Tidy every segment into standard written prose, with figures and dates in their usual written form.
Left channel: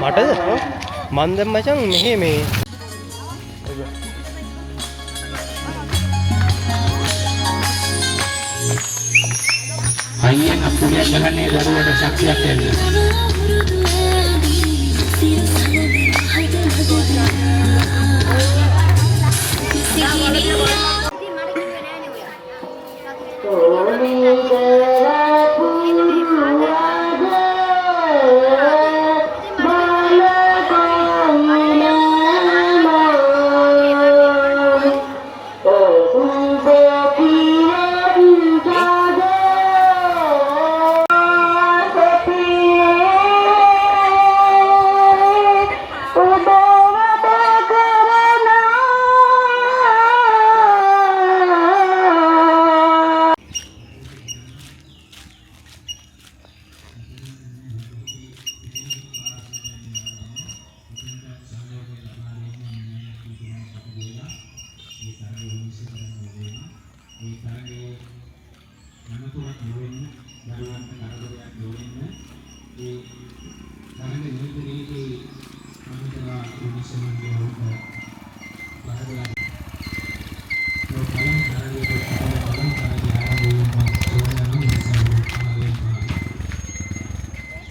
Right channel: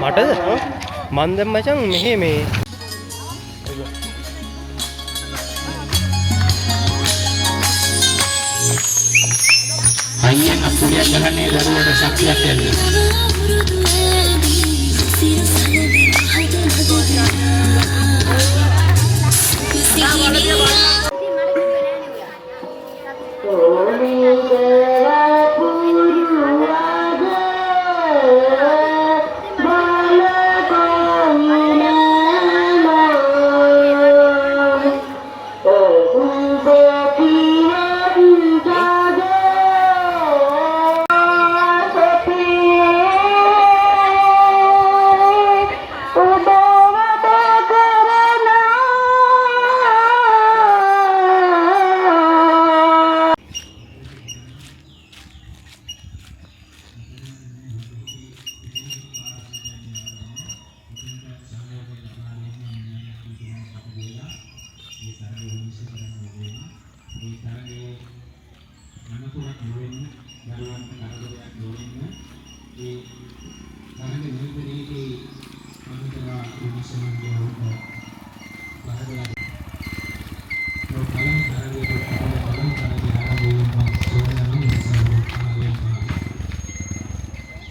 මටද මන් දැන් මචං මෙහෙ මේ අයියෙන් අපුලියක් ගහන්නේ ලැබුවට සත්‍යයක් එන්නේ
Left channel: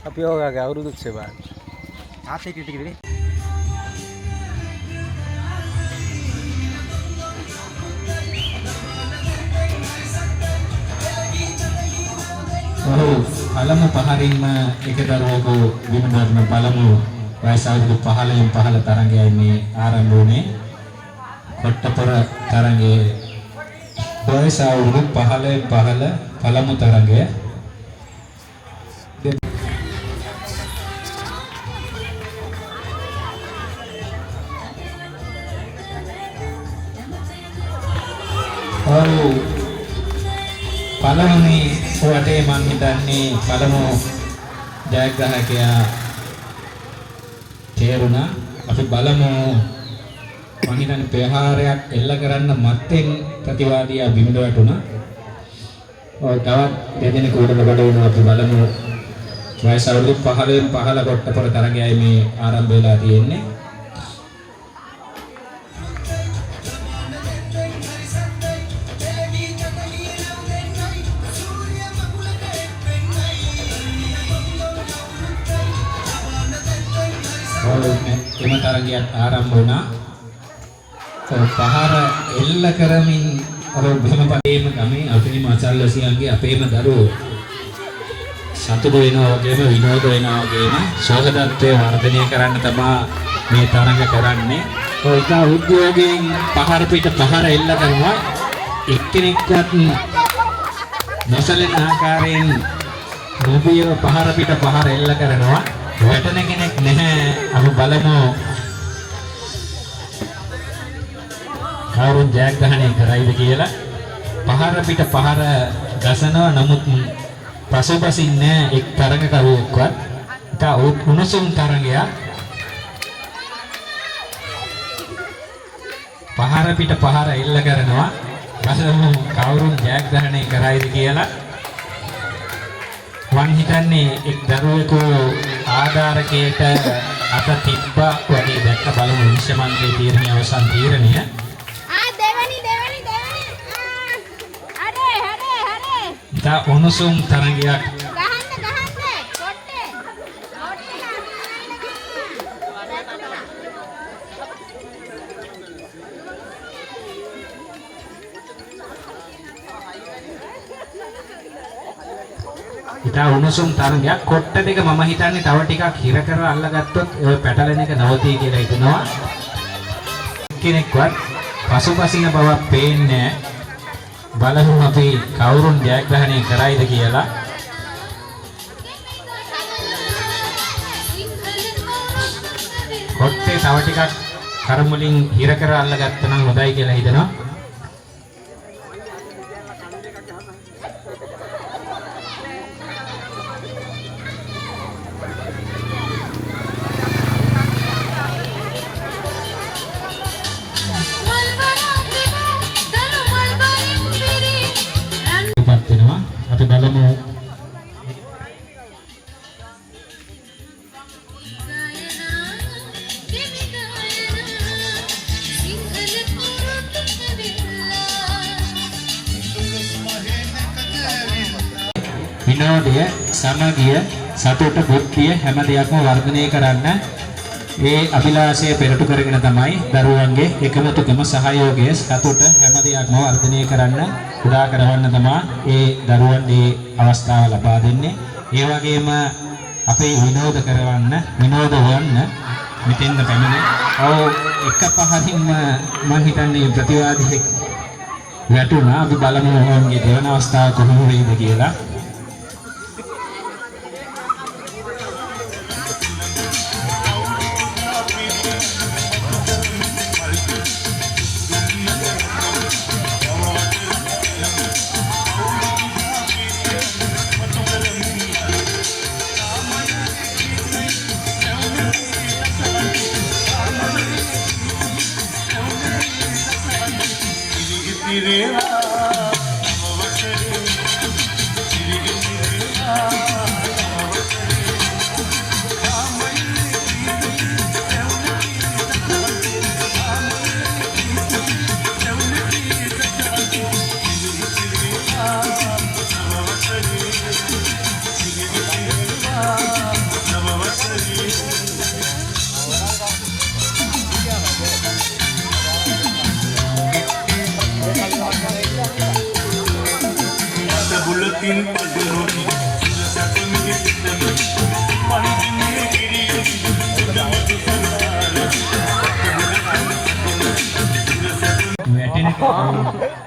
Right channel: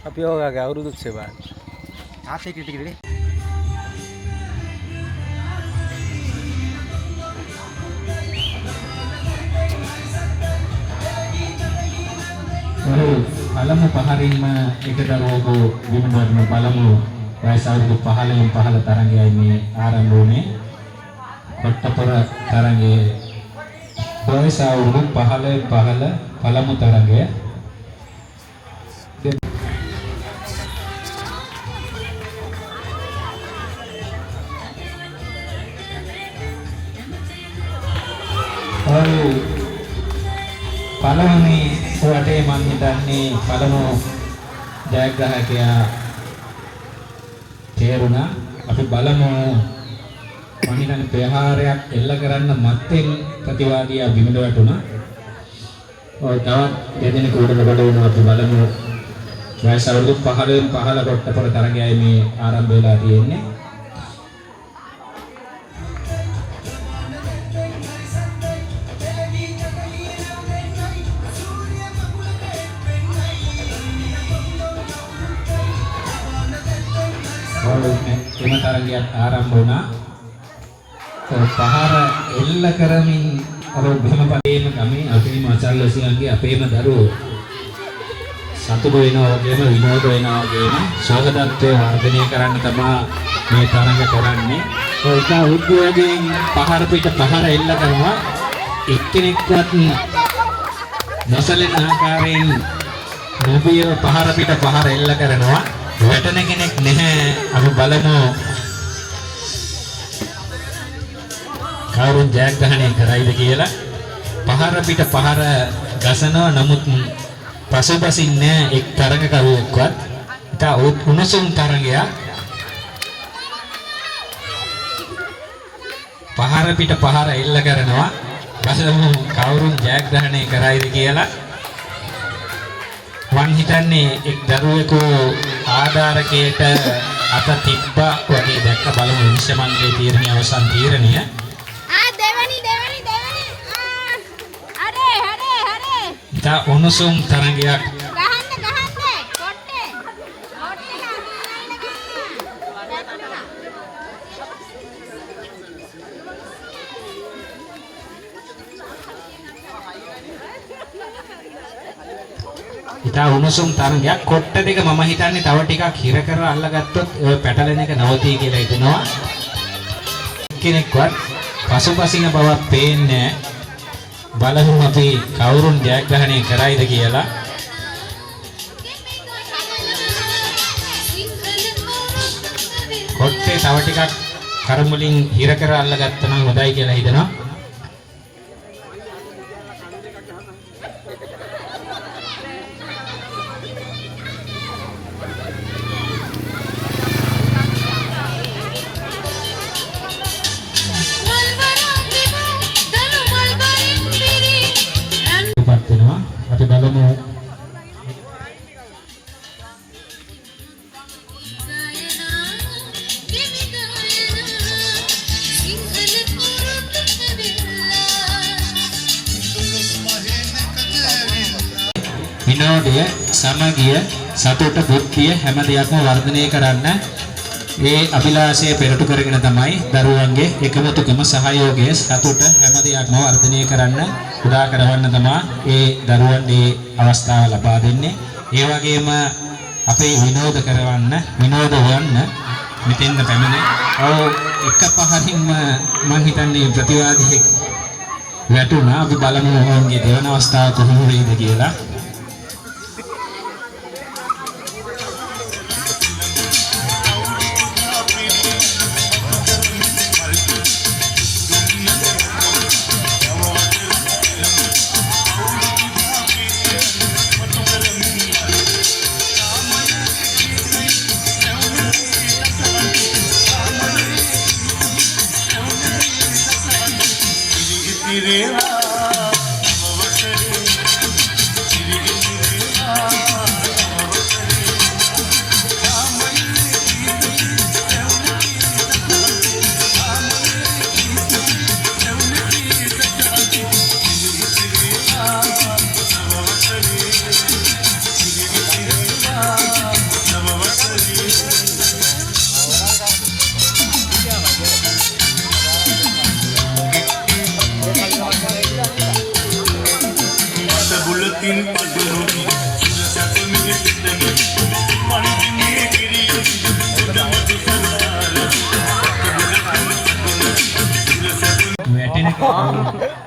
අපි ඔයගාගේ අවුරුදු සේවාව ආසේ කිටිකද පළමු පහරින්ම එක දරුවෙකු විමුදර්ම පළමු වයස අවුරුදු 15න් 15 තරඟයයි මේ ආරම්භ වුණේ. කොට්ටපොර තරඟයේ වයස අවුරුදු 15න් 15 පළමු තරඟය. පළවෙනි සුවටේ මම හිතන්නේ පළමු ජයග්‍රාහකයා තේරුණා. අපි බලමු පණිනන් ප්‍රහාරයක් එල්ල කරන්න මත්තෙන් ප්‍රතිවාදියා බිමට වැටුණා. ඔය තවත් දෙදෙනෙකු උඩට බඩ වුණා. අපි බලමු වයස අවුරුදු 15න් 15 කොට්ටපොර තරගයයි මේ ආරම්භ වෙලා තියෙන්නේ. එම තරගයක් ආරම්භ වුණා. පහර එල්ල කරමින් අර බිම පදේම ගමේ අපේ මචල්ලසියන්ගේ අපේම දරුවෝ සතුටු වෙනවා වගේම විනෝද වෙනවා වගේම සෝහදත්වයේ වර්ධනය කරන්න තමයි මේ තරඟ කරන්නේ. ඒක උද්‍යෝගයෙන් පහර පිට පහර එල්ල කරනවා. එක්කෙනෙක්වත් නොසලෙන ආකාරයෙන් නොබිය පහර පිට පහර එල්ල කරනවා. වැටෙන කෙනෙක් නැහැ. අපි බලමු කවුරුන් ජයග්‍රහණය කරයිද කියලා. පහර පිට පහර ගසනවා. නමුත් පසුපසින්නේ එක් තරඟකරුවෙක්වත්. ඒක උණුසුම් තරඟයක්. පහර පිට පහර එල්ල කරනවා. ගසනවා කවුරුන් ජයග්‍රහණය කරයිද කියලා. වන් හිතන්නේ එක් දරුවෙකු ආධාරකයට අත තිබ්බ වගේ දැක්ක. බලමු විශ්වමන්ත්‍රී තීරණය අවසන් තීරණය. උණුසුම් තරගයක්. ඉතා උණුසුම් තරගයක්. කොට්ට දෙක මම හිතන්නේ තව ටිකක් හිර කර අල්ලගත්තොත් ඔය පැටලෙන එක නවතී කියලා හිතනවා. කෙනෙක්වත් පසුපසින බවක් පේන්නේ නැහැ. බලමු අපි කවුරුන් ජයග්‍රහණය කරයිද කියලා. කොට්ටේ තව ටිකක් කරම් වලින් හිර කර අල්ලගත්තා නම් හොඳයි කියලා හිතනවා. අපි බලමු විනෝදය, සමගිය, සතුට, බුද්ධිය හැම දෙයක්ම වර්ධනය කරන්න මේ අභිලාෂය පෙරටු කරගෙන තමයි දරුවන්ගේ එකමුතුකම සහයෝගය සතුට හැම දෙයක්ම වර්ධනය කරන්න උදා කරවන්න තමයි ඒ දරුවන් මේ අවස්ථාව ලබා දෙන්නේ. ඒ වගේම අපේ විනෝද කරවන්න, විනෝද වන්න මෙතෙන්ද පැමිණේ. එක පහකින්ම මම හිතන්නේ ප්‍රතිවාදී වැටුණා. අපි බලමු ඔවුන්ගේ දෙවන අවස්ථාව කොහොම වෙයිද කියලා.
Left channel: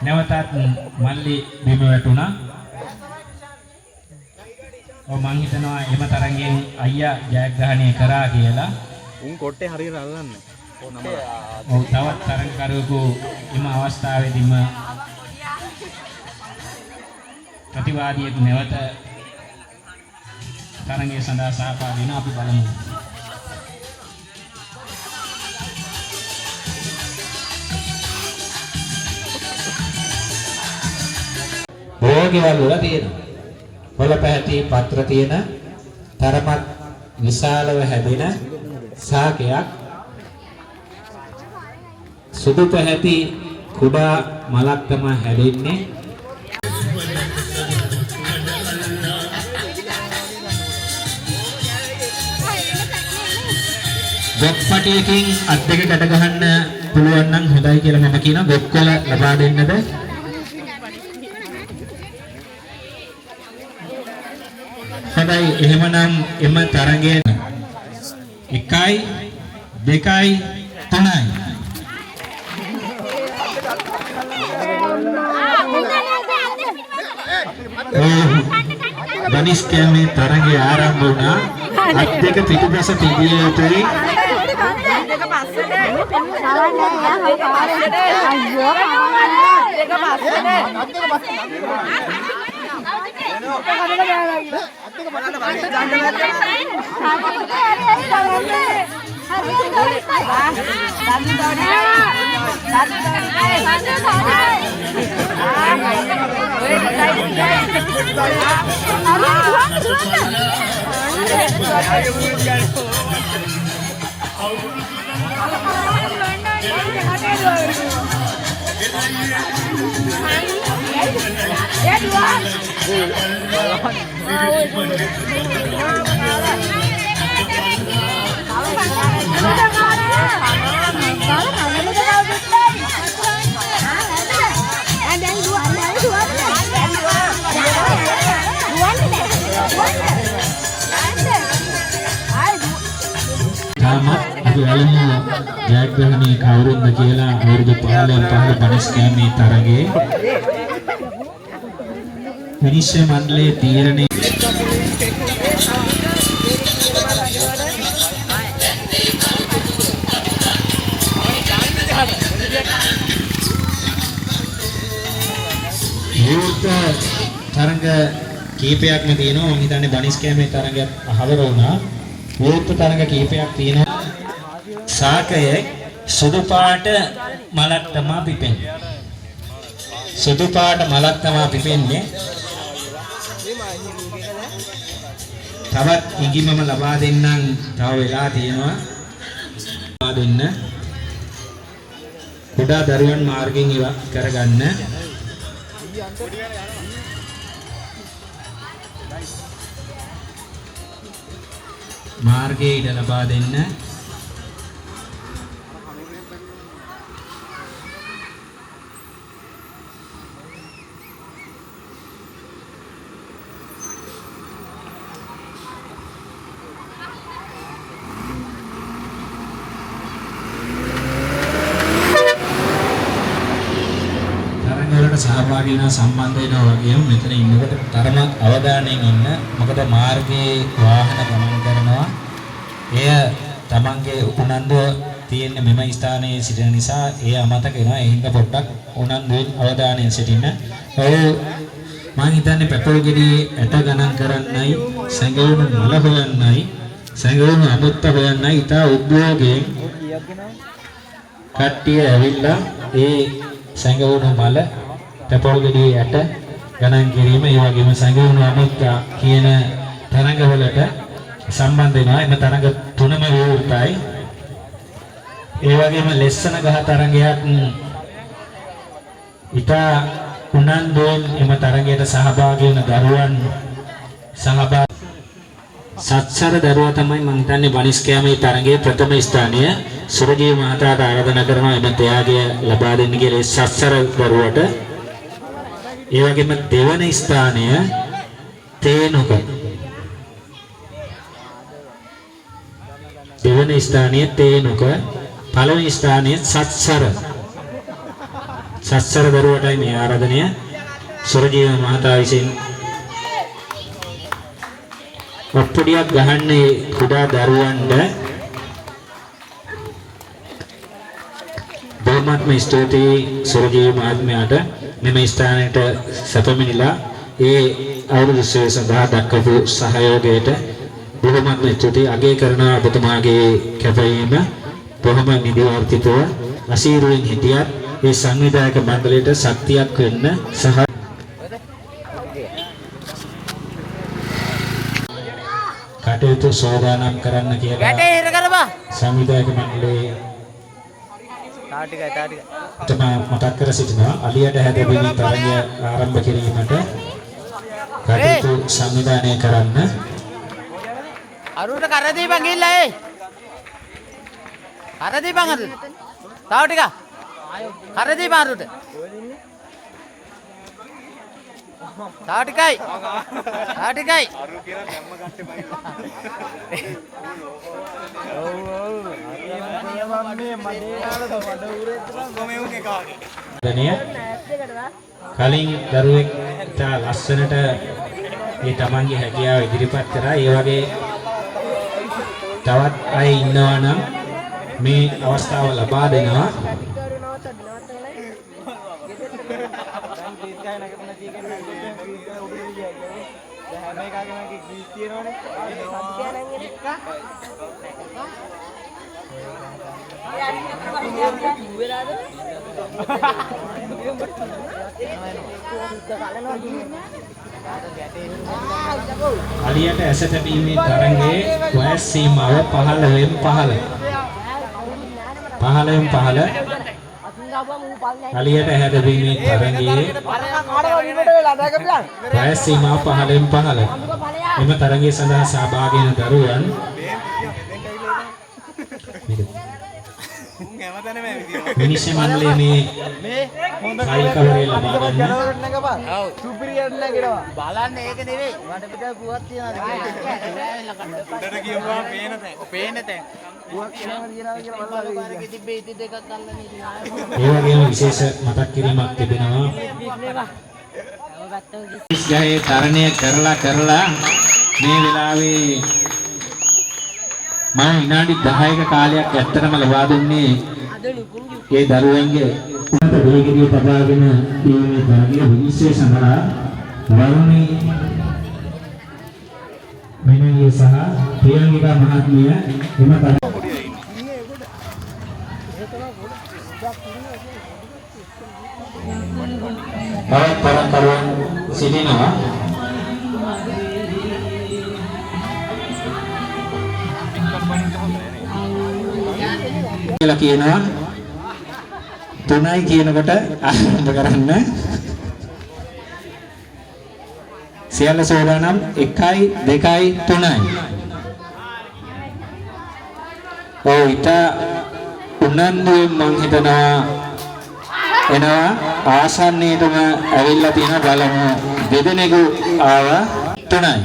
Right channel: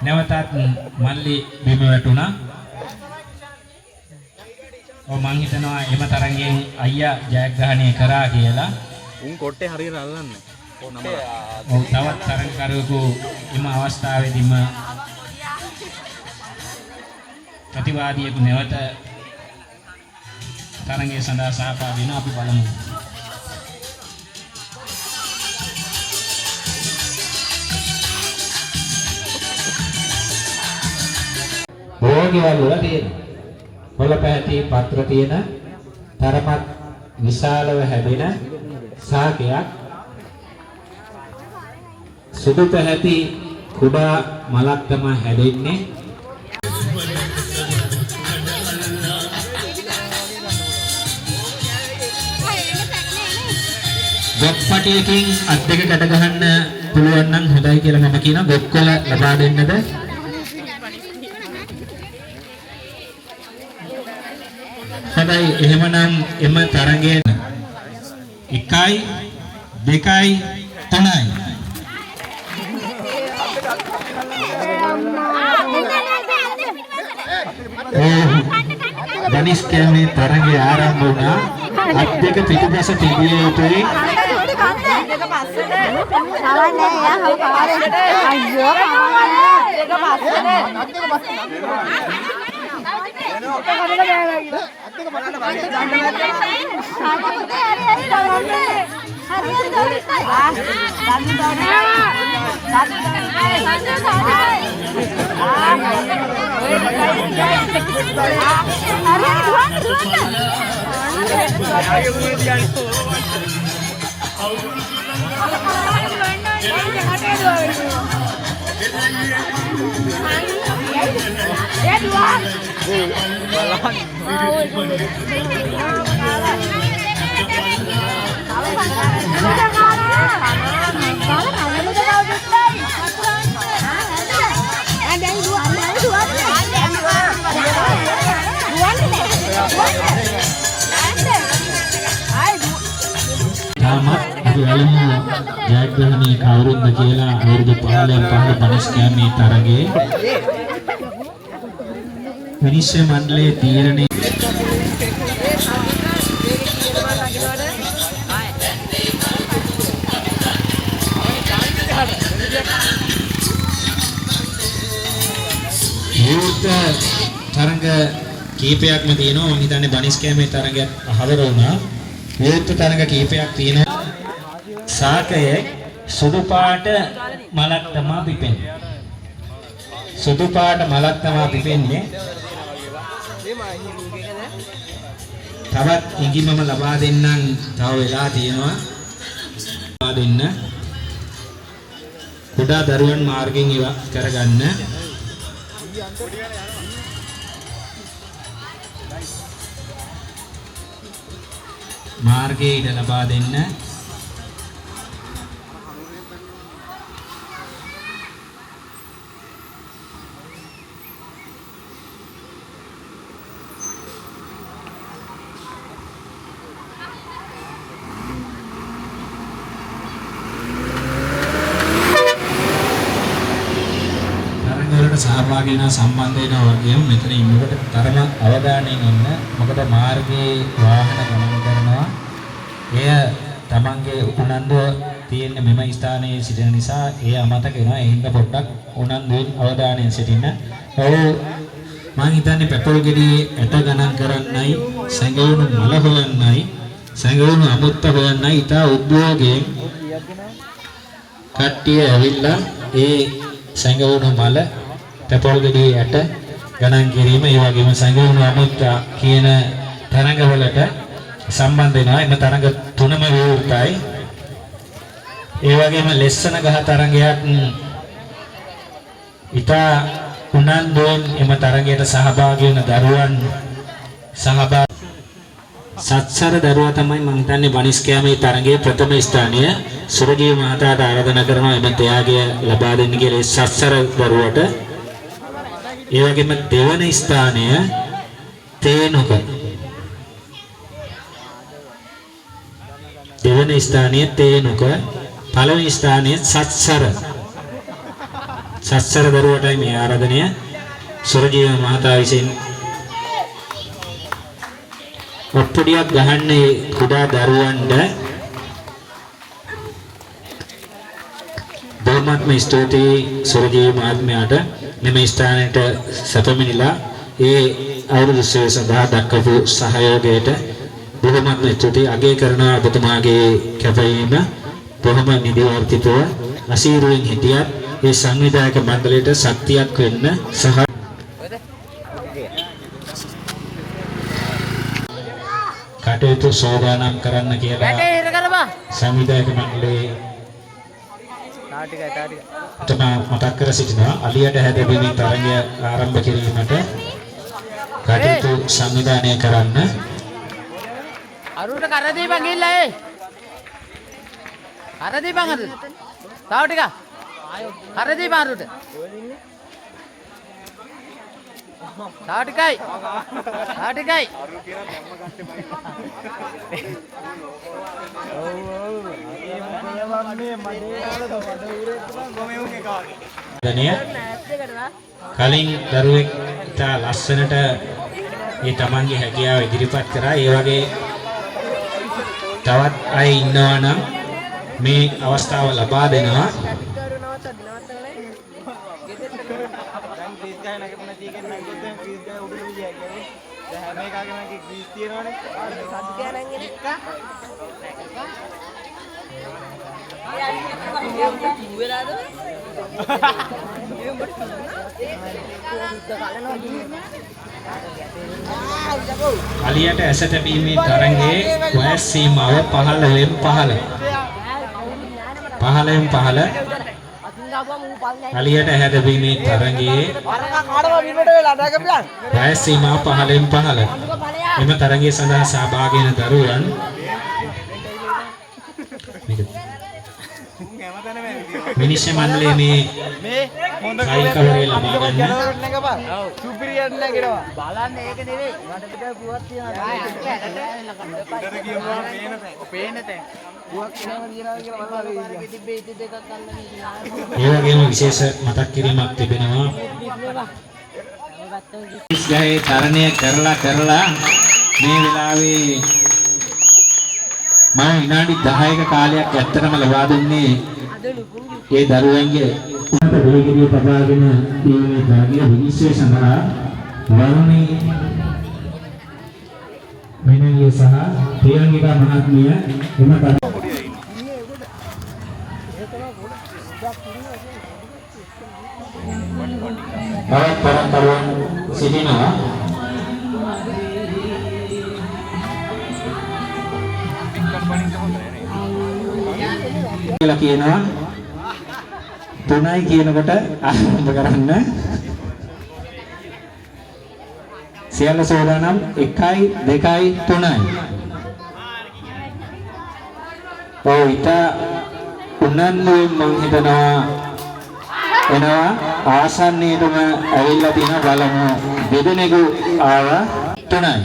නැවතත් මල්ලි බිම වැටුණා. මම හිතනවා එම තරංගෙන් අයියා ජයග්‍රහණය කරා කියලා. උන් කොට්ටේ හරියට අල්ලන්නේ. තවත් තරංකරුවෙකු එම අවස්ථාවේදීම ප්‍රතිවාදියෙකු නැවත තරංගය සඳහා සහභාගී වෙනවා. අපි බලමු. භෝගිවල් වල තියෙන පොළ පැහැති පත්‍ර තියෙන තරමක් විශාලව හැදෙන සාකයක්, සුදු පැහැති කුඩා මලක් තමයි හැදෙන්නේ. ගොක්පටියකින් අත් දෙක ගැට ගහන්න පුළුවන් නම් හොඳයි කියලා මම කියනවා. ගොක්කොල ලබා දෙන්නද? හොඳයි එහෙමනම් එම තරඟයෙන් 1යි 2යි 3යි ධනිස් කැමේ තරඟය ආරම්භ වුණා අත් දෙක පිටුපස තිබිය යුතුයි අපි බලමු ජයග්‍රහණී කවුරුන්ද කියලා අවුරුදු 15 ධනිස් කැමේ තරඟේ විනිශ්චය මණ්ඩලයේ තීරණය තරඟ කීපයක්ම තියෙනවා මම හිතන්නේ ධනිස් කැමේ තරඟ හතර වුණා විවිධ තරඟ කීපයක් තියෙනවා ශාකයේ සුදු පාට මලක් තමයි පිපෙන්නේ සුදු පාට මලක් තමයි පිපෙන්නේ තවත් ඉඟිමම ලබා දෙන්නම් තව වෙලා තියෙනවා ලබා දෙන්න කුඩා දරුවන් මාර්ගයෙන් ඉව කරගන්න මාර්ගයේ ඉඩ ලබා දෙන්න සහභාගී වෙන සම්බන්ධ වෙනවා වගේම මෙතන ඉන්නකොට තරම අවධානයෙන් ඉන්න මොකද මාර්ගයේ වාහන ගමන් කරනවා එය තමන්ගේ උනන්දුව තියෙන මෙම ස්ථානයේ සිටින නිසා ඒ අමතක වෙනවා ඒ හින්දා පොඩ්ඩක් උනන්දුවෙන් අවධානයෙන් සිටින්න ඔය මම හිතන්නේ පෙට්‍රල් ගෙඩියේ ඇට ගණන් කරන්නයි සැඟවුණු මල හොයන්නයි සැඟවුණු අමුත්ත හොයන්නයි ඉතා උද්‍යෝගයෙන් කට්ටිය ඇවිල්ලා ඒ සැඟවුණු මල පෙට්‍රල් ගෙඩියේ ඇට ගණන් කිරීම ඒ වගේම සැඟවුණු අමුත්ත කියන තරඟවලට සම්බන්ධ වෙනවා එම තරඟ තුනම විවෘතයි ඒ වගේම ලෙස්සන ගහ තරඟයක් ඉතා උනන්දුවෙන් එම තරඟයට සහභාගී වෙන දරුවන් සත්සර දරුවා තමයි මම හිතන්නේ ධනිස් කැමේ තරඟයේ ප්‍රථම ස්ථානය සුරජී මහතාට ආරාධනා කරනවා එම ත්‍යාගය ලබා දෙන්න කියලා සත්සර දරුවට ඒ වගේම දෙවන ස්ථානය තේනුක දෙවන ස්ථානයේ තේනුක පළවෙනි ස්ථානයේ සත්සර දරුවටයි මේ ආරාධනය සුරජී මහතා විසින් ඔප්පුඩියක් ගහන්නේ කුඩා දරුවන්ට බොහොමත්ම ස්තුතියි සුරජී මහත්මයාට මෙම ස්ථානයට සැපමිනිලා ඒ අවුරුදු සඳහා දක්වපු සහයෝගයට බොහොමත්ම ස්තුතියි අගය කරනවා ඔබතුමාගේ කැපවීම බොහොම නිදිවර්තිතව අසීරුවෙන් හිටියත් ඒ සංවිධායක මණ්ඩලයට ශක්තියක් වෙන්න සහ කටයුතු සෝදානම් කරන්න කියලා සංවිධායක මණ්ඩලයේ තමයි මතක් කර සිටිනවා අලියට හැදෙමින් තරගය ආරම්භ කිරීමට කටයුතු සංවිධානය කරන්න අරුට කර දීපන් ගිහිල්ලා ඒ කර දීපන් අරුට තව ටික කර දීපන් අරුට තාටිකයි. තාටිකයි. දනිය කලින් දරුවෙක් ඉතා ලස්සනට මේ තමන්ගේ හැකියාව ඉදිරිපත් කරා. ඒ වගේ තවත් අය ඉන්නවා නම් මේ අවස්ථාව ලබා දෙනවා. අලියට ඇස තැබීමේ තරඟයේ වයස් සීමාව 15න් 15. 15න් 15 අලියට ඇහැ තැබීමේ තරඟයේ වයස් සීමාව 15න් 15. එම තරඟය සඳහා සහභාගී වන දරුවන් මිනිස්සු මණ්ඩලයේ මේ ෆයිල් කවරේ ලබා ගන්න. ඔව්. සුපිරියර් නේද? බලන්න ඒක නෙවෙයි. වඩ පිට පුවක් තියනවා. උඩට කියනවා පේන තැන්. පුවක් කියනවා කියලා මම තිබ්බේ ඉති දෙකක් අල්ලන්නේ කියලා. ඒ වගේම විශේෂ මතක් කිරීමක් තිබෙනවා. ගහේ තරණය කරලා මේ වෙලාවේ මම විනාඩි 10ක කාලයක් ඇත්තටම ලබා දුන්නේ ඒ දරුවන්ගේ උන්නත දෙහිගිරිය තබාගෙන දීමේ භාග්‍ය විනිශ්චය සඳහා වරුණී මෙනවිය සහ ප්‍රියංගිකා මහත්මිය එම පරම්පරාවන් සිටිනවා. කියලා කියනවා 3යි කියනකොට ආරම්භ කරන්න. සියල්ල සෝදානම් 1යි 2යි 3යි. ඔය ඊට උනන්දු මං හිතනවා එනවා ආසන්නයේදම ඇවිල්ලා තියෙන බලමු දෙදෙනෙකු ආව 3යි.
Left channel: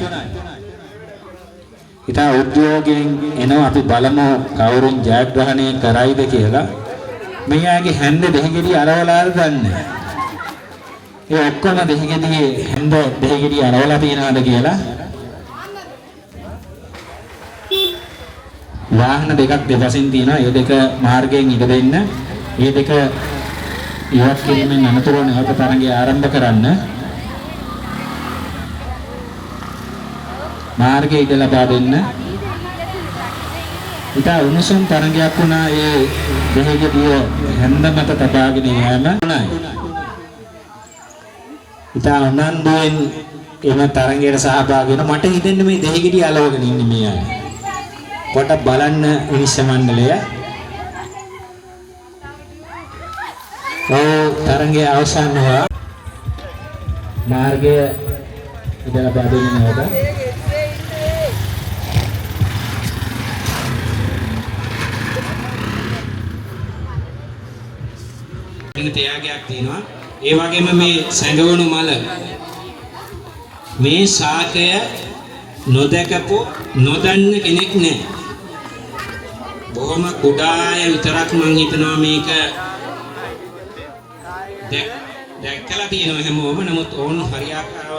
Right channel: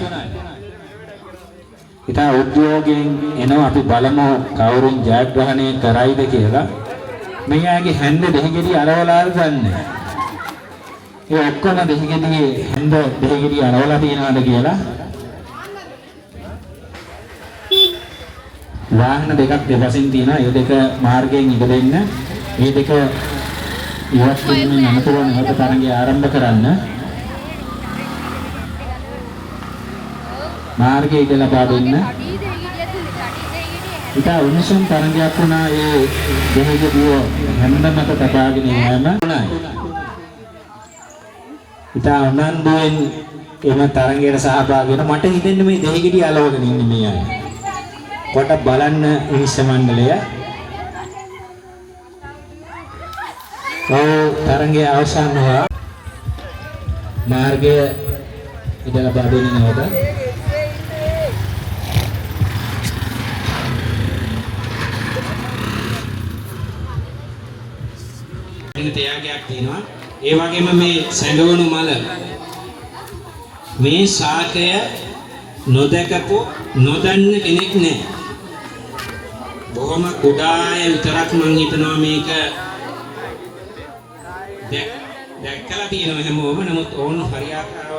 ඉතින් උද්‍යෝගයෙන් එනවා අපි බලමු කවුරුන් ජයග්‍රහණය කරයිද කියලා. මෙයාගේ හැන්ද දෙහිගිරිය අරවලා ගන්න. ඒ ඔක්කොම දෙහිගිරියේ හැන්ද දෙහිගිරිය අරවලා තියනවාද කියලා. වාහන දෙකක් දෙපසින් තියෙනවා. ඒ දෙක මාර්ගයෙන් ඉඳ දෙන්න. මේ දෙක ඉවත් වෙන අනතුරු නැවත තරඟය ආරම්භ කරන්න. මාර්ගය ඉඳ ලබා දෙන්න. ඉතා උණුසුම් තරඟයක් වුණා ඒ බොහෝදුව හැන්ද මත තබාගෙන යෑම. ඉතා උනන්දුවෙන් එම තරඟයට සහභාගී වෙන මට හිතෙන්නේ මේ දෙහිගිරිය අලවගෙන ඉන්නේ මෙයා. කොට බලන්න මිනිස් මණ්ඩලය. ඔය තරඟයේ අවසානව මාර්ගය ඉඳ ලබා දෙන්නවට තයාගයක් තියෙනවා. ඒ වගේම මේ සැඟවුණු මල මේ ශාකය නොදකපු නොදන්න කෙනෙක් නැහැ. බොහොම කුඩාය විතරක් මං හිතනවා මේක දැක්කලා තියෙනවා හැමෝම. නමුත් ඕන හරියාකාරව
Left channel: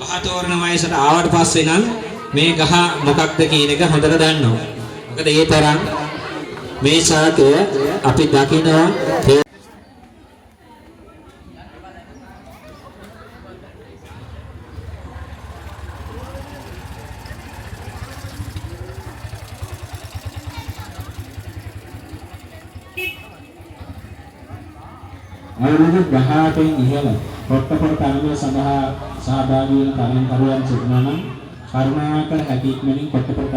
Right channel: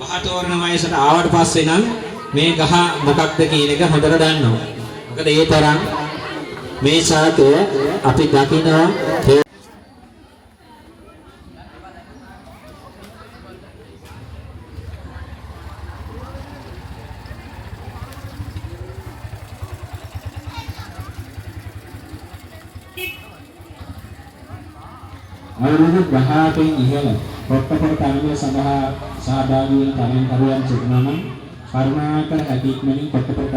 බහතෝරන වයසට ආවට පස්සේ නම් මේ ගහ මොකක්ද කියන එක හොඳට දන්නවා. මොකද ඒ තරම් මේ ශාකය අපි දකිනවා. අවුරුදු 18න් ඉහළ පොට්ටපොළ තරගය සඳහා සහභාගී වන තරගකරුවන් සිටිනවා නම් කරුණාකර හැකි ඉක්මනින් පොට්ටපොළ